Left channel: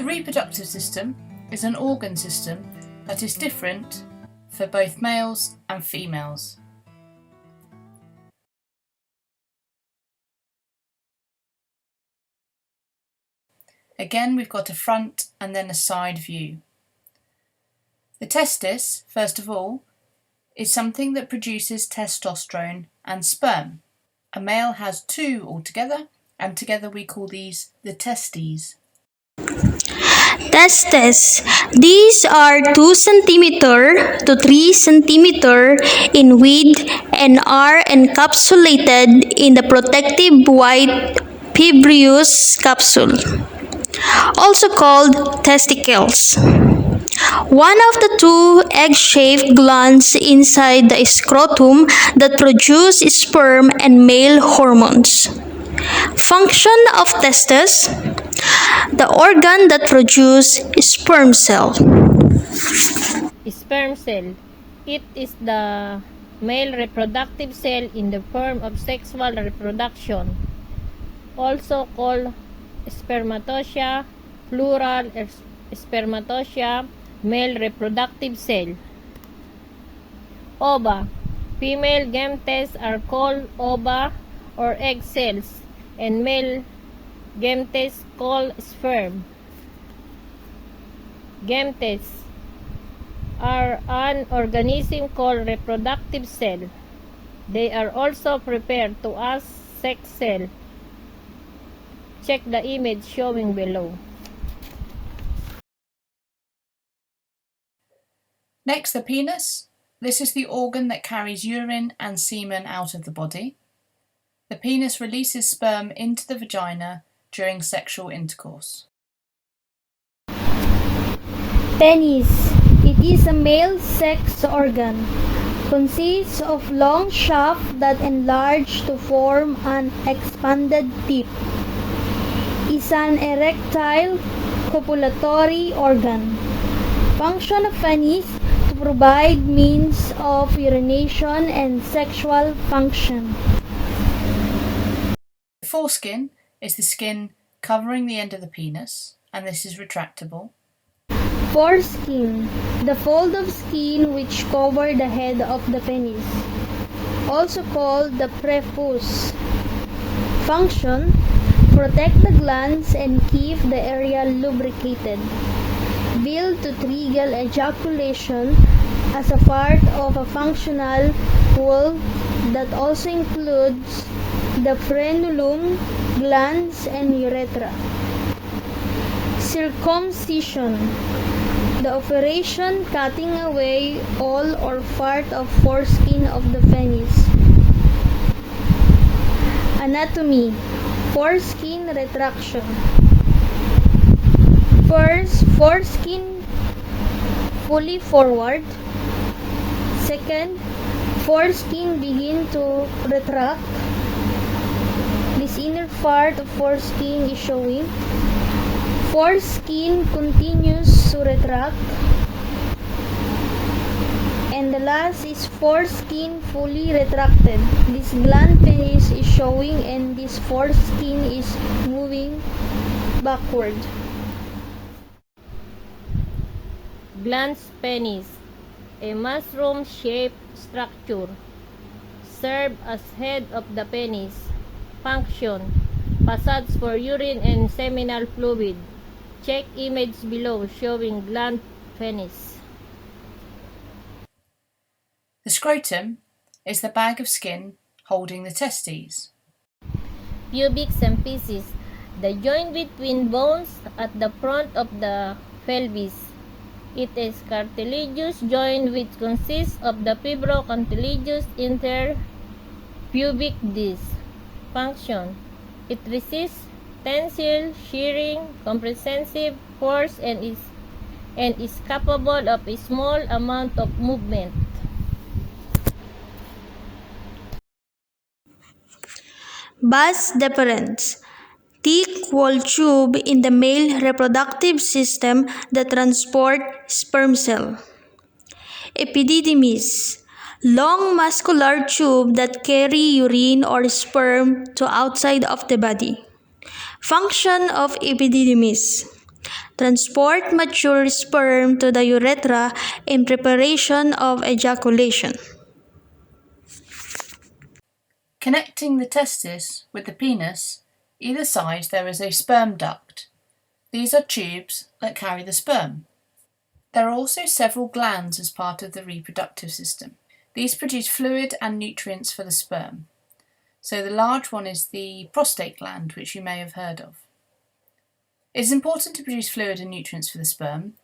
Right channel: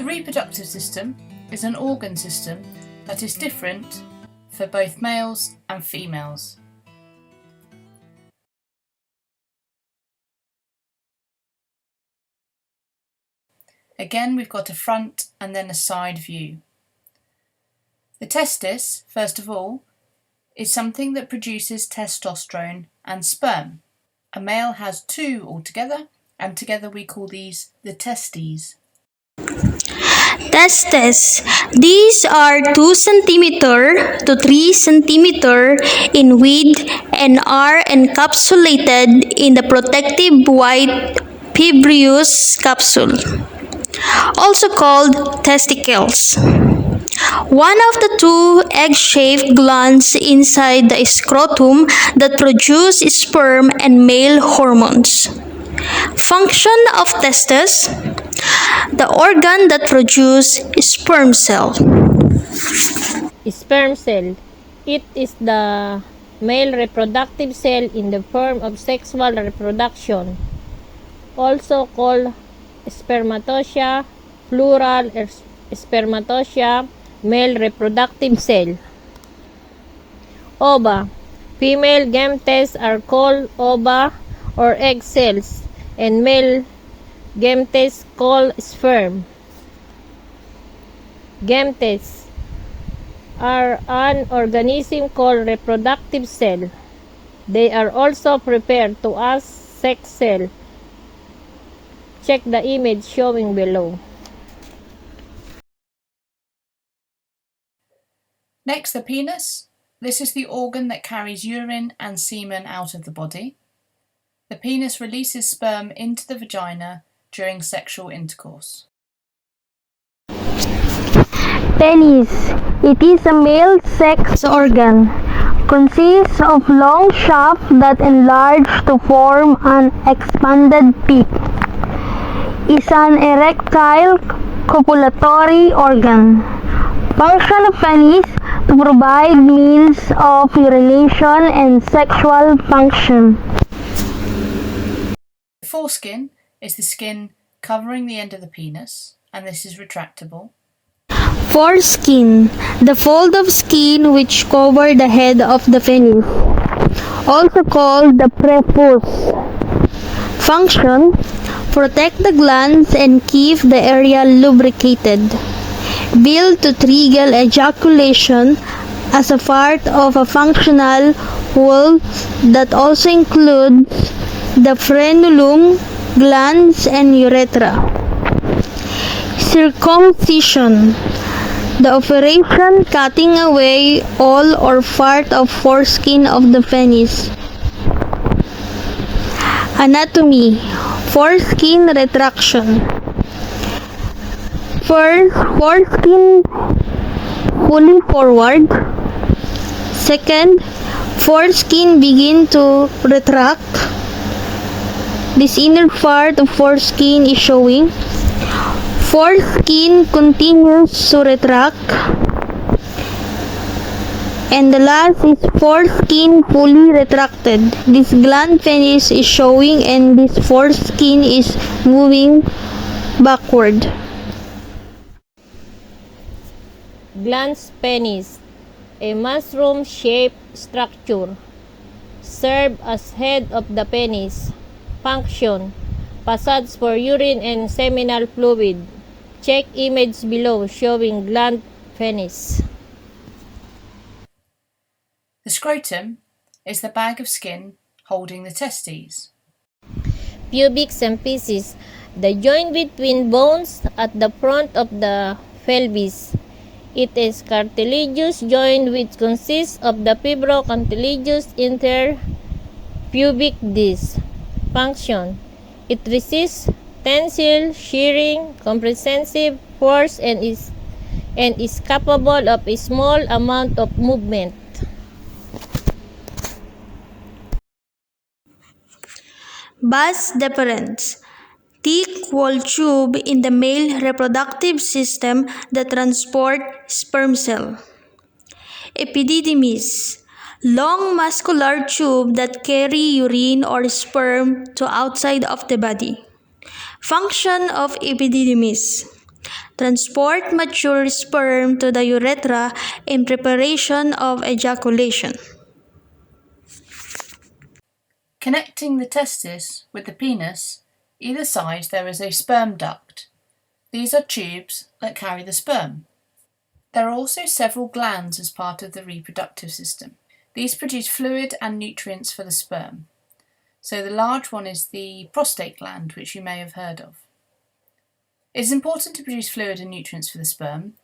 The reproductive system is an organ system that is different for both males and females. Again, we've got a front and then a side view. The testis, first of all, is something that produces testosterone and sperm. A male has two altogether, and together we call these the testes. Testes. These are 2 cm to 3 cm in width and are encapsulated in the protective white fibrous capsule, also called testicles. One of the 2 egg-shaped glands inside the scrotum that produce sperm and male hormones. Function of testes: the organ that produces sperm cell. Sperm cell. It is the male reproductive cell in the form of sexual reproduction, also called spermatocia, plural spermatocia, male reproductive cell. Ova. Female gametes are called ova or egg cells, and male gametes called sperm. Gametes are an organism called reproductive cell. They are also referred to as sex cell. Check the image showing below. Next, the penis. This is the organ that carries urine and semen out of the body. The penis releases sperm into the vagina during sexual intercourse. Penis. It is a male sex organ. Consists of long shaft that enlarge to form an expanded peep. Is an erectile copulatory organ. Function of penis: to provide means of urination and sexual function. The foreskin is the skin covering the end of the penis, and this is retractable. Foreskin, the fold of skin which cover the head of the penis, also called the prepuce. Function: protect the glands and keep the area lubricated. Built to trigger ejaculation as a part of a functional whole that also includes the frenulum, glands, and urethra. Circumcision, the operation cutting away all or part of foreskin of the penis. Anatomy: foreskin retraction. First, foreskin fully forward. Second, foreskin begin to retract. This inner part of foreskin is showing. Foreskin continues to retract. And the last is foreskin fully retracted. This gland penis is showing and this foreskin is moving backward. Glans penis, a mushroom-shaped structure, serve as head of the penis. Function: passage for urine and seminal fluid. Check image below showing gland penis. The scrotum is the bag of skin holding the testes. Pubic symphysis, the joint between bones at the front of the pelvis. It is cartilaginous joint which consists of the fibrocartilaginous interpubic disc. Function: it resists tensile, shearing, compressive force and is capable of a small amount of movement. Vas deferens, thick wall tube in the male reproductive system that transport sperm cell. Epididymis, long muscular tube that carry urine or sperm to outside of the body. Function of epididymis: transport mature sperm to the urethra in preparation of ejaculation. Connecting the testis with the penis, either side there is a sperm duct. These are tubes that carry the sperm. There are also several glands as part of the reproductive system. These produce fluid and nutrients for the sperm. So the large one is the prostate gland, which you may have heard of. It is important to produce fluid and nutrients for the sperm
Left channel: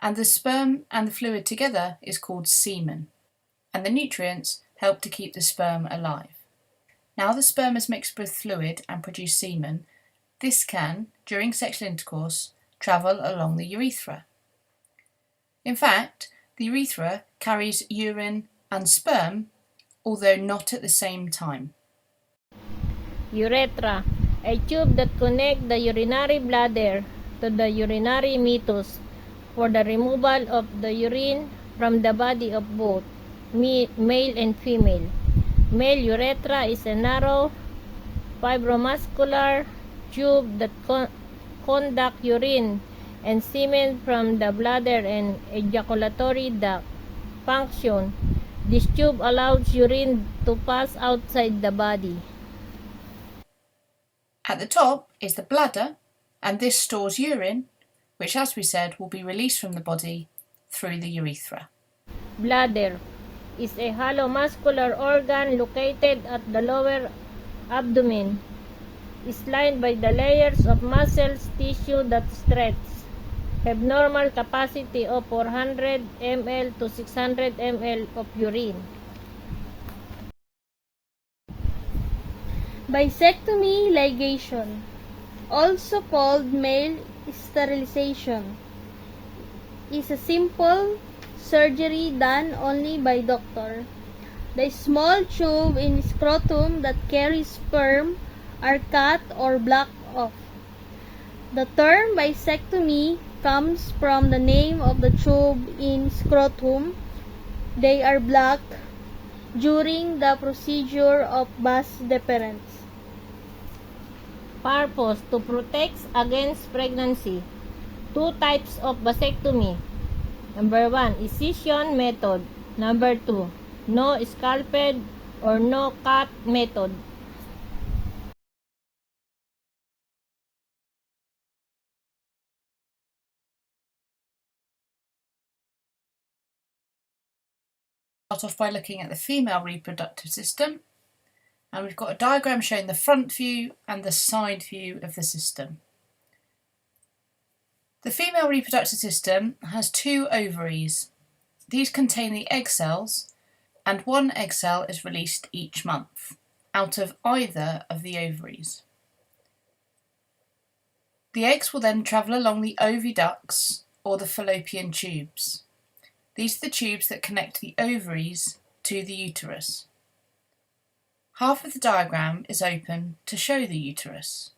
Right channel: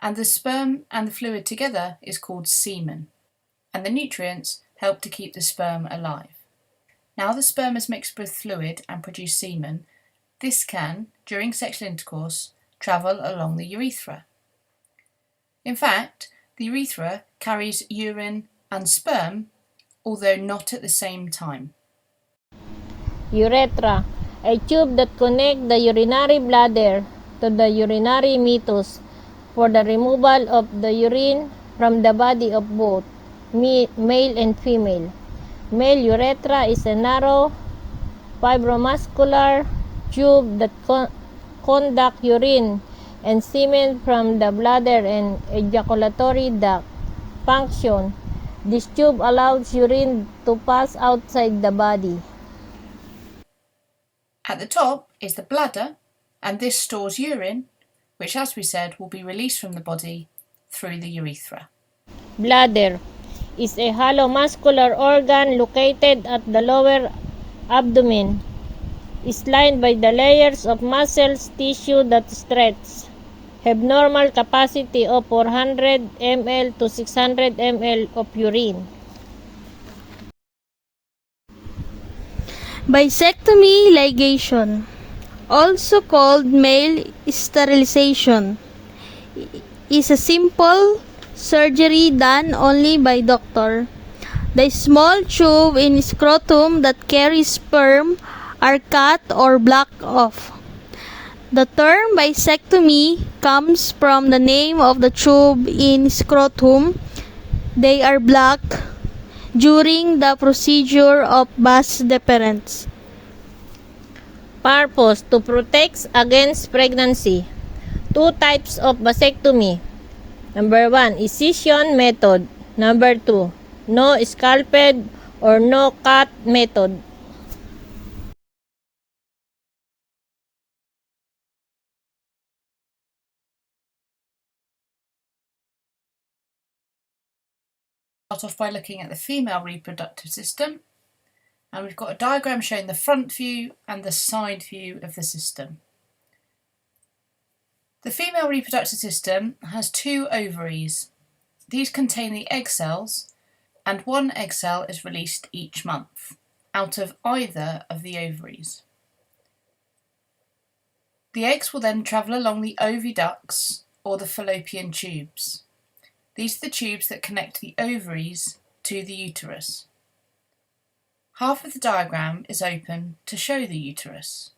and the fluid together is called semen, and the nutrients help to keep the sperm alive. Now the sperm is mixed with fluid and produce semen, this can, during sexual intercourse, travel along the urethra. In fact, the urethra carries urine and sperm, although not at the same time. Urethra, a tube that connects the urinary bladder to the urinary meatus for the removal of the urine from the body of both male and female. Male urethra is a narrow, fibromuscular tube that conducts urine and semen from the bladder and ejaculatory duct. Function: this tube allows urine to pass outside the body. At the top is the bladder, and this stores urine, which, as we said, will be released from the body through the urethra. Bladder is a hollow muscular organ located at the lower abdomen. Is lined by the layers of muscles tissue that stretch. Have normal capacity of 400 ml to 600 ml of urine. Bisectomy ligation, also called male sterilization, is a simple surgery done only by doctor. The small tube in scrotum that carries sperm are cut or blocked off. The term bisectomy comes from the name of the tube in scrotum. They are blocked during the procedure of vas deferens. Purpose: to protect against pregnancy. Two types of vasectomy. Number 1, incision method. Number 2, no scalpel or no cut method. Start off by looking at the female reproductive system, and we've got a diagram showing the front view and the side view of the system. The female reproductive system has 2 ovaries. These contain the egg cells, and 1 egg cell is released each month out of either of the ovaries. The eggs will then travel along the oviducts or the fallopian tubes. These are the tubes that connect the ovaries to the uterus. Half of the diagram is open to show the uterus.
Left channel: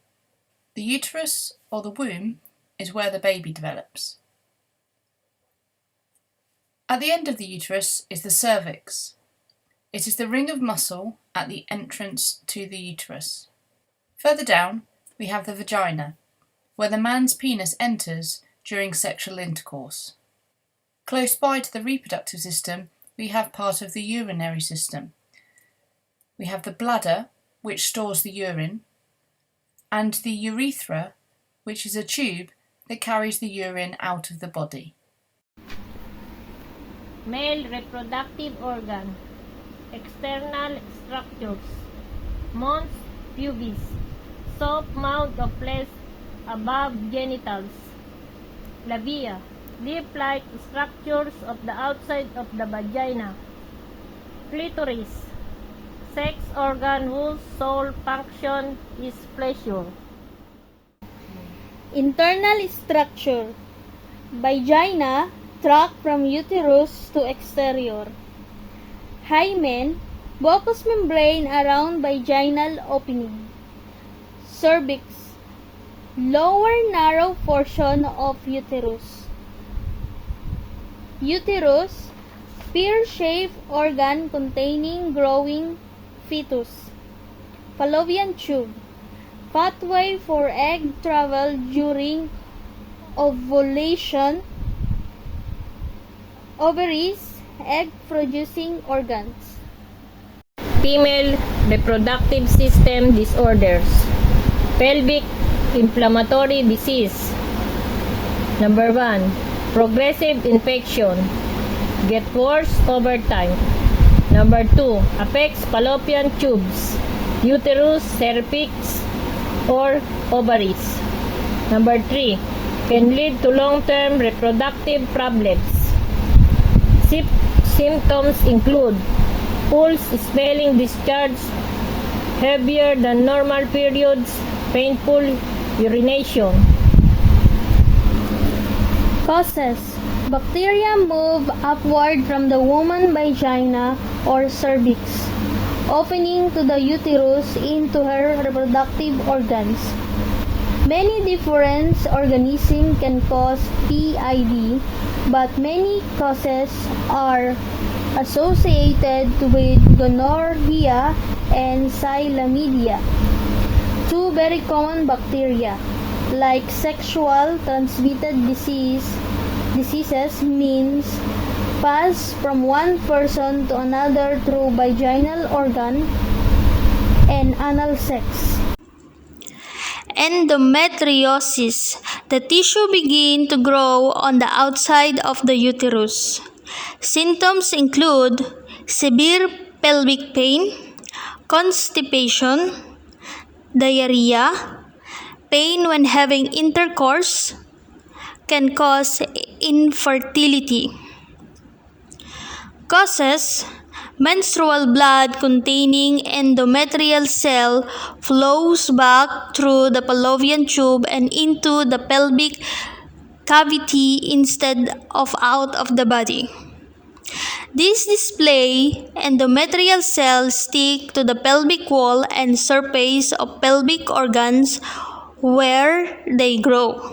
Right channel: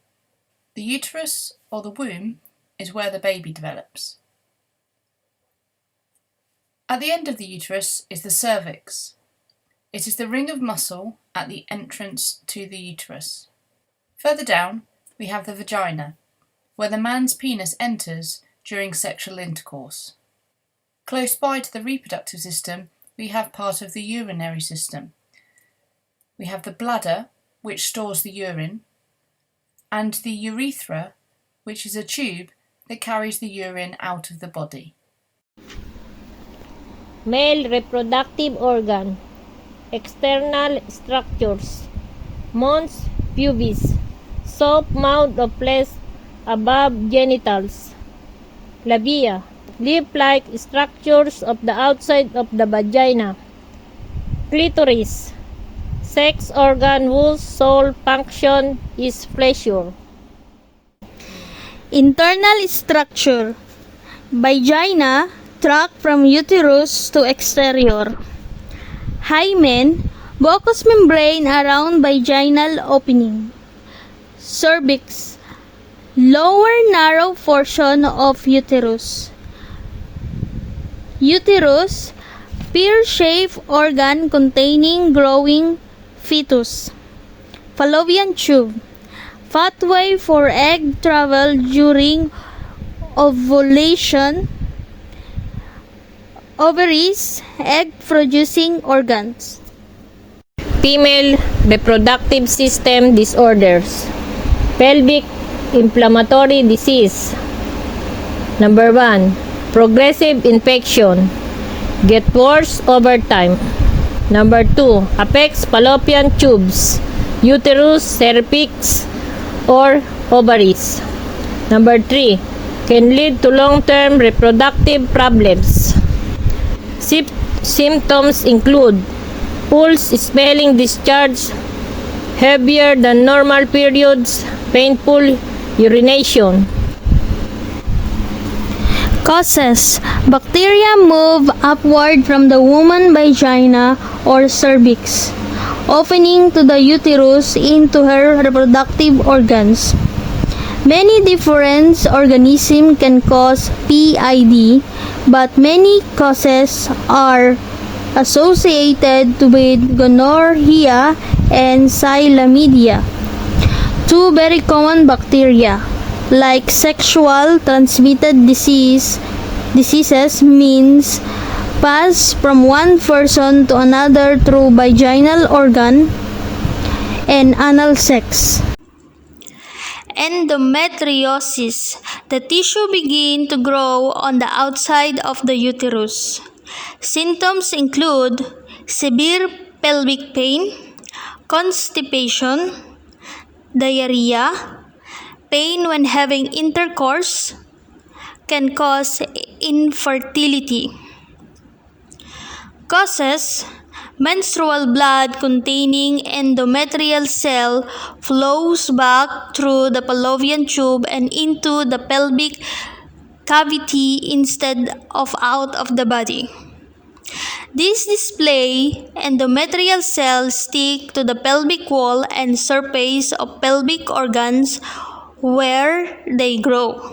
The uterus, or the womb, is where the baby develops. At the end of the uterus is the cervix. It is the ring of muscle at the entrance to the uterus. Further down, we have the vagina, where the man's penis enters during sexual intercourse. Close by to the reproductive system, we have part of the urinary system. We have the bladder, which stores the urine, and the urethra, which is a tube that carries the urine out of the body. Male reproductive organ. External structures. Mons pubis. Soft mouth of flesh above genitals. Labia. Leaf-like structures of the outside of the vagina. Clitoris. Sex organ whose sole function is pleasure. Internal structure. Vagina, tract from uterus to exterior. Hymen, mucous membrane around vaginal opening. Cervix, lower narrow portion of uterus. Uterus, pear-shaped organ containing growing fetus. Fallopian tube, pathway for egg travel during ovulation, ovaries, egg-producing organs. Female reproductive system disorders. Pelvic inflammatory disease. Number 1. Progressive infection. Get worse over time. Number 2. Affects fallopian tubes, uterus, cervix, or ovaries. Number 3. Can lead to long-term reproductive problems. Symptoms include pulse, smelling discharge, heavier than normal periods, painful urination. Causes. Bacteria move upward from the woman's vagina or cervix, opening to the uterus into her reproductive organs. Many different organisms can cause PID, but many causes are associated with gonorrhea and chlamydia, two very common bacteria. Like sexual transmitted diseases means pass from one person to another through vaginal organ and anal sex. Endometriosis. The tissue begin to grow on the outside of the uterus. Symptoms include severe pelvic pain, constipation, diarrhea, pain when having intercourse, can cause infertility. Causes. Menstrual blood containing endometrial cell flows back through the fallopian tube and into the pelvic cavity instead of out of the body. This display endometrial cells stick to the pelvic wall and surface of pelvic organs where they grow.